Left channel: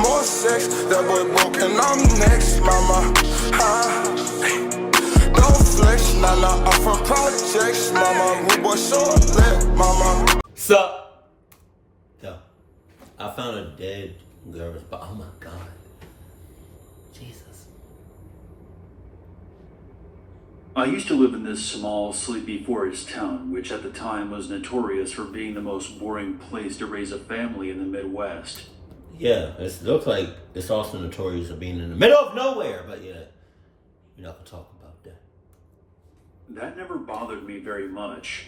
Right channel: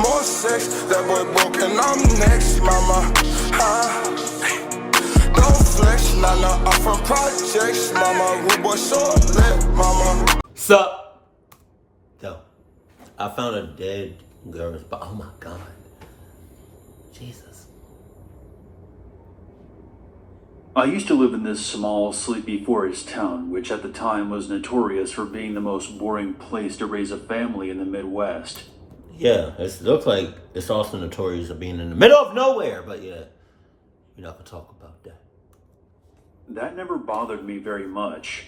more sex. That boy broke and I'm next, mama. Don't flex, nah, I'm from projects, mama. Rude boy short lit, mama. Sup? Yo, I found a dead girl's body. Oh my God. Jesus. I used to live in this small, sleepy forest town, which at the time was notorious for being the most boring place to raise a family in the Midwest. Yeah, it looks like it's also notorious for being in the middle of nowhere, but yeah, we're not gonna talk about that. That never bothered me very much.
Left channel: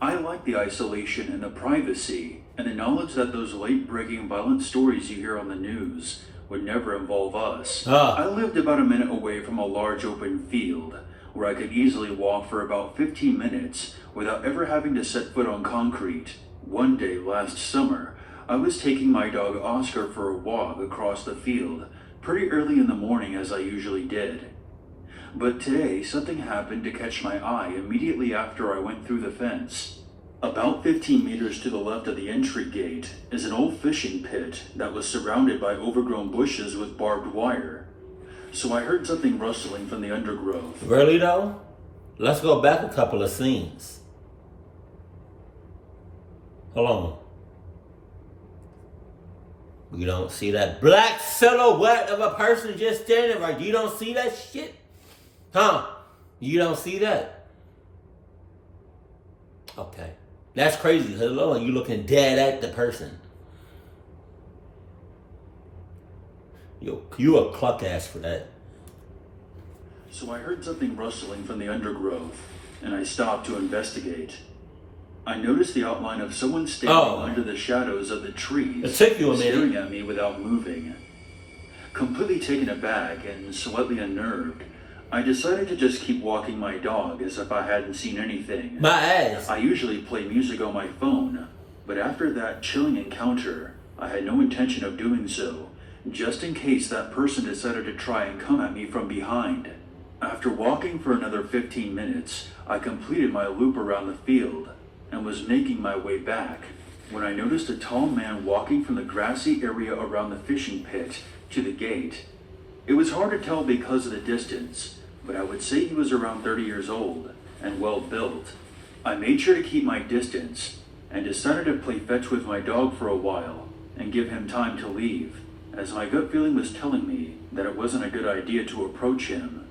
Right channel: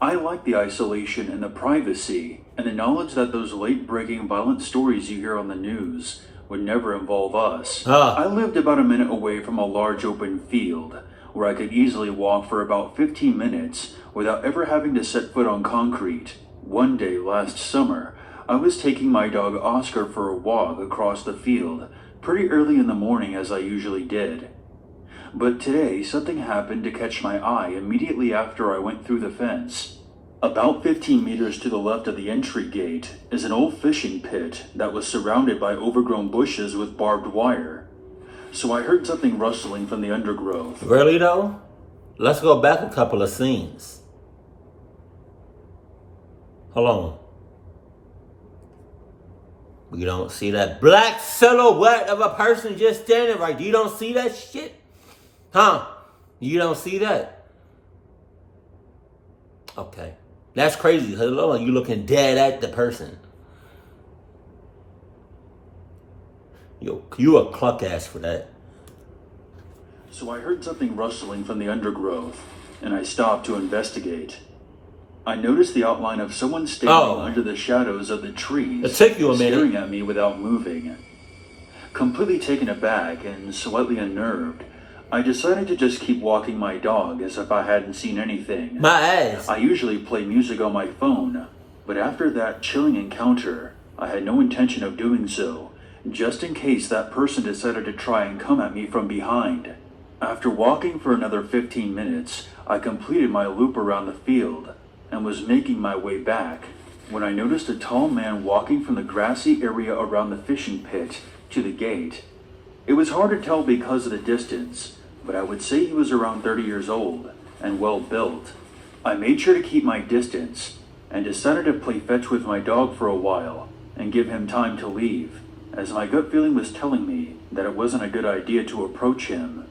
I liked the isolation and the privacy, and the knowledge that those late-breaking violent stories you hear on the news would never involve us. I lived about a minute away from a large open field, where I could easily walk for about 15 minutes without ever having to set foot on concrete. One day last summer, I was taking my dog Oscar for a walk across the field, pretty early in the morning as I usually did. But today, something happened to catch my eye immediately after I went through the fence. About 15 meters to the left of the entry gate is an old fishing pit that was surrounded by overgrown bushes with barbed wire. So I heard something rustling from the undergrowth. Really though? Let's go back a couple of scenes. Hold on. You don't see that black silhouette of a person just standing right. You don't see that shit? Huh? You don't see that? Okay. That's crazy. Hello, you looking dead at the person. You a cluck ass for that. So I heard something rustling from the undergrowth, and I stopped to investigate. I noticed the outline of someone standing under the shadows of the trees, it took you a minute. Staring at me without moving. Completely taken aback and slightly unnerved, I decided to just keep walking my dog as if I hadn't seen anything. My ass. I usually play music on my phone, but after that chilling encounter, I had no intention of doing so, just in case that person decided to try and come at me from behind. After walking for another 15 minutes, I completed my loop around the field and was making my way back when I noticed a tall man walking from the grassy area around the fishing pit to the gate. It was hard to tell because of the distance, but I would say he was around 30 years old and well built. I made sure to keep my distance and decided to play fetch with my dog for a while and give him time to leave, as my gut feeling was telling me that it wasn't a good idea to approach him.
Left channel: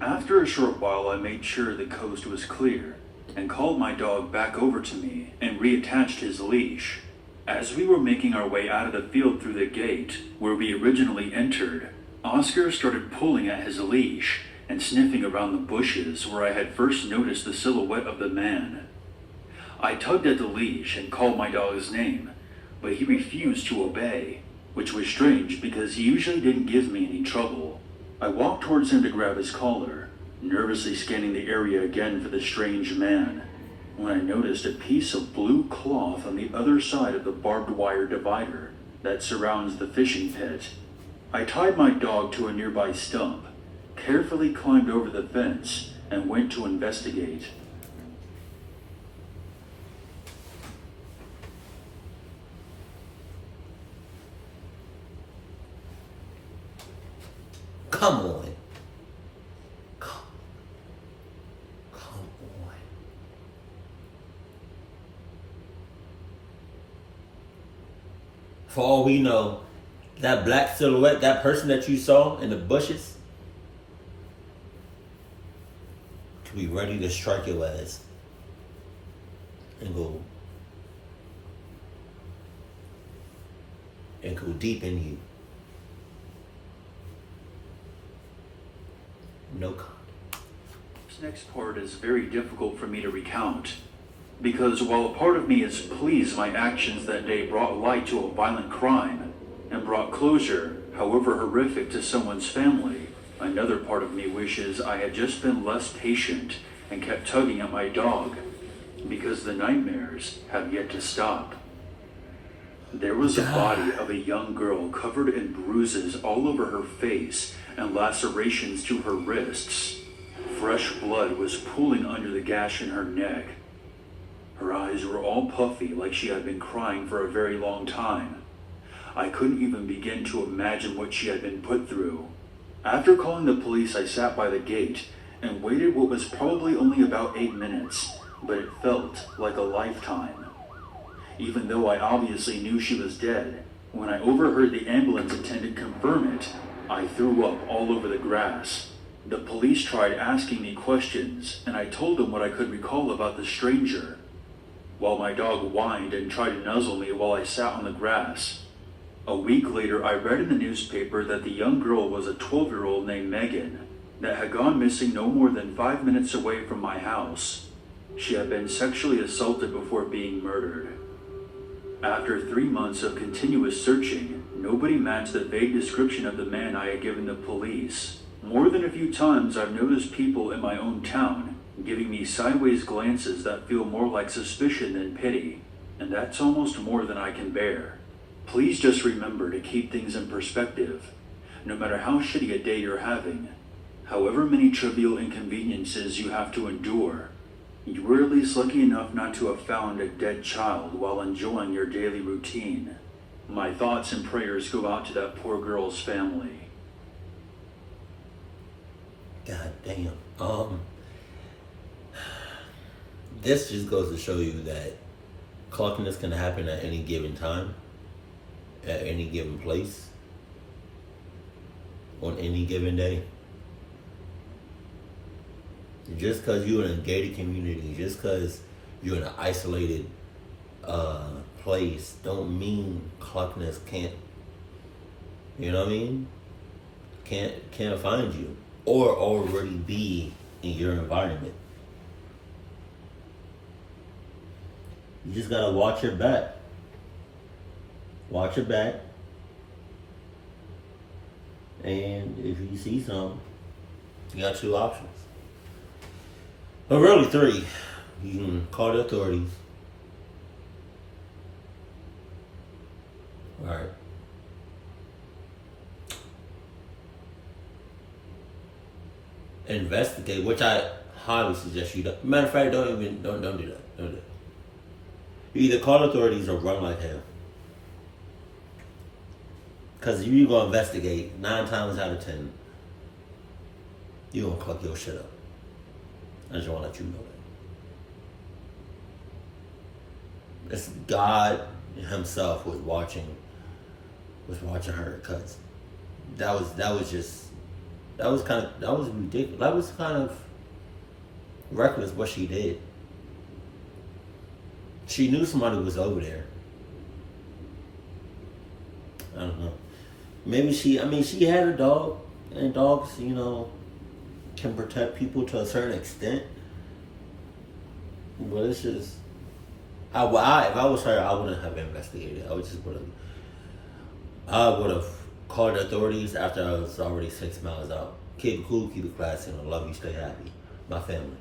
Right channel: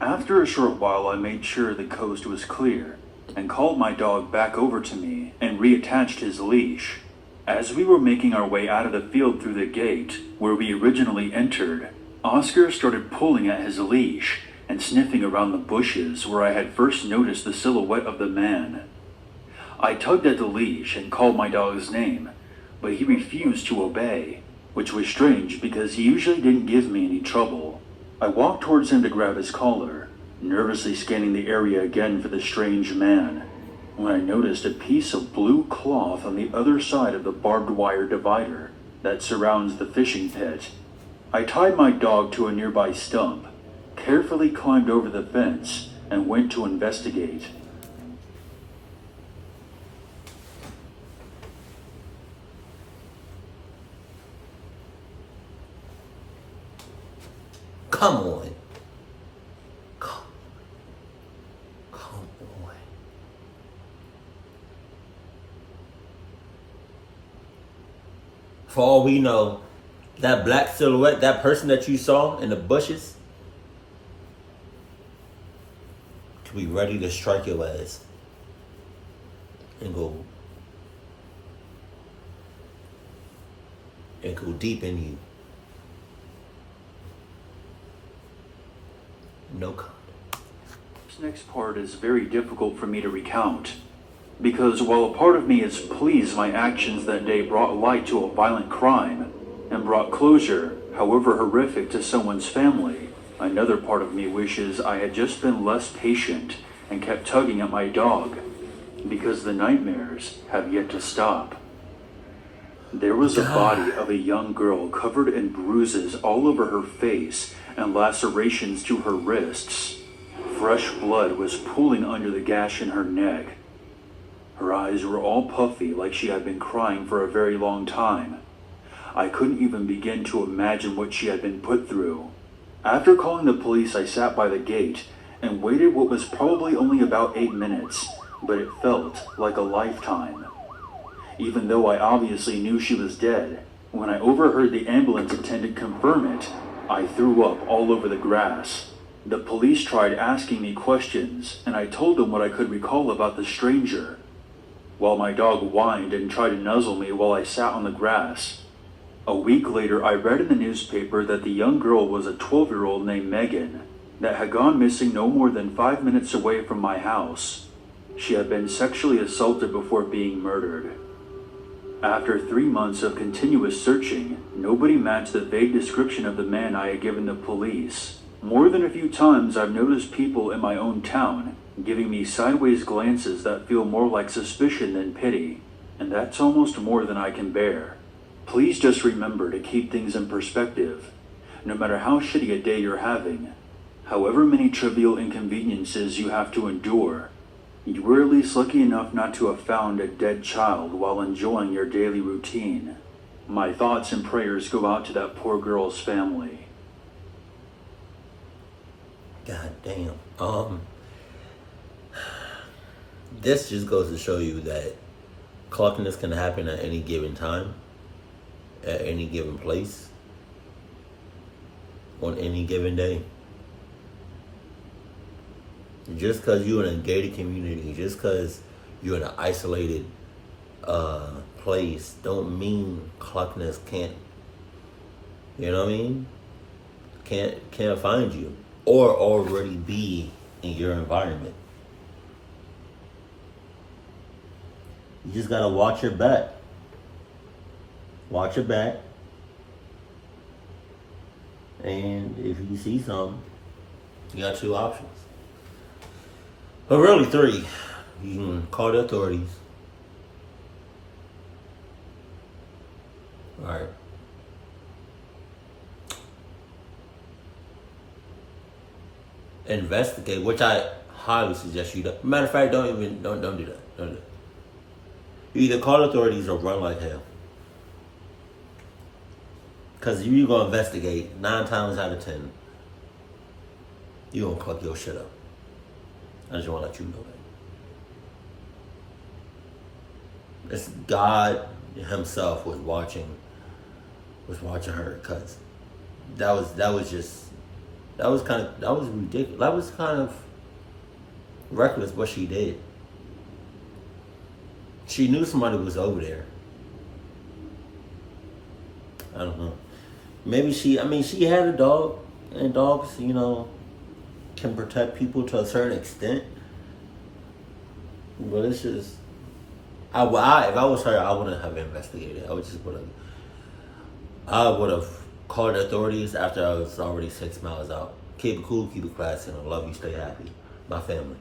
After a short while, I made sure the coast was clear and called my dog back over to me and reattached his leash. As we were making our way out of the field through the gate where we originally entered, Oscar started pulling at his leash and sniffing around the bushes where I had first noticed the silhouette of the man. I tugged at the leash and called my dog's name, but he refused to obey, which was strange because he usually didn't give me any trouble. I walked towards him to grab his collar, nervously scanning the area again for the strange man, when I noticed a piece of blue cloth on the other side of the barbed wire divider that surrounds the fishing pit. I tied my dog to a nearby stump, carefully climbed over the fence, and went to investigate. Come on. Come on. For all we know, that black silhouette, that person that you saw in the bushes, could be ready to strike your ass and go deep in you. No comment. This next part is very difficult for me to recount, because while a part of me is pleased my actions that day brought light to a violent crime and brought closure, however horrific, to someone's family, another part of me wishes I had just been less patient and kept tugging at my dog, because the nightmares have yet to stop. There was a body of a young girl covered in bruises all over her face and lacerations to her wrists. Fresh blood was pooling under the gash in her neck. Her eyes were all puffy like she had been crying for a very long time. I couldn't even begin to imagine what she had been put through. After calling the police, I sat by the gate and waited what was probably only about 8 minutes, but it felt like a lifetime. Even though I obviously knew she was dead, when I overheard the ambulance attendant confirm it, I threw up all over the grass. The police tried asking me questions, and I told them what I could recall about the stranger, while my dog whined and tried to nuzzle me while I sat on the grass. A week later, I read in the newspaper that the young girl was a 12-year-old named Megan that had gone missing no more than 5 minutes away from my house. She had been sexually assaulted before being murdered. After 3 months of continuous searching, nobody matched the vague description of the man I had given the police. More than a few times, I've noticed people in my own town giving me sideways glances that feel more like suspicion than pity, and that's almost more than I can bear. Please just remember to keep things in perspective. No matter how shitty a day you're having, however many trivial inconveniences you have to endure, you were at least lucky enough not to have found a dead child while enjoying your daily routine. My thoughts and prayers go out to that poor girl's family. God damn. This just goes to show you that cluckiness can happen at any given time, at any given place, on any given day. Just because you're in a gated community, just because you're in an isolated place, don't mean cluckiness can't, you know what I mean? Can't find you or already be in your environment. You just gotta watch your back. Watch your back. And if you see something, you got 2 options. But really 3. You can call the authorities. Alright. Investigate, which I highly suggest you do. Matter of fact, don't do that. Don't do that. You either call the authorities or run like hell. Because if you go investigate, 9 times out of 10, you gonna cluck your shit up. I just want to let you know that. It's God himself was watching her, because that was ridiculous. That was kind of reckless what she did. She knew somebody was over there. I don't know. Maybe she had a dog, and dogs, can protect people to a certain extent. But it's just, if I was her, I wouldn't have investigated. I would have called the authorities after I was already 6 miles out. Keep it cool, keep it classy, and I love you, stay happy. My family.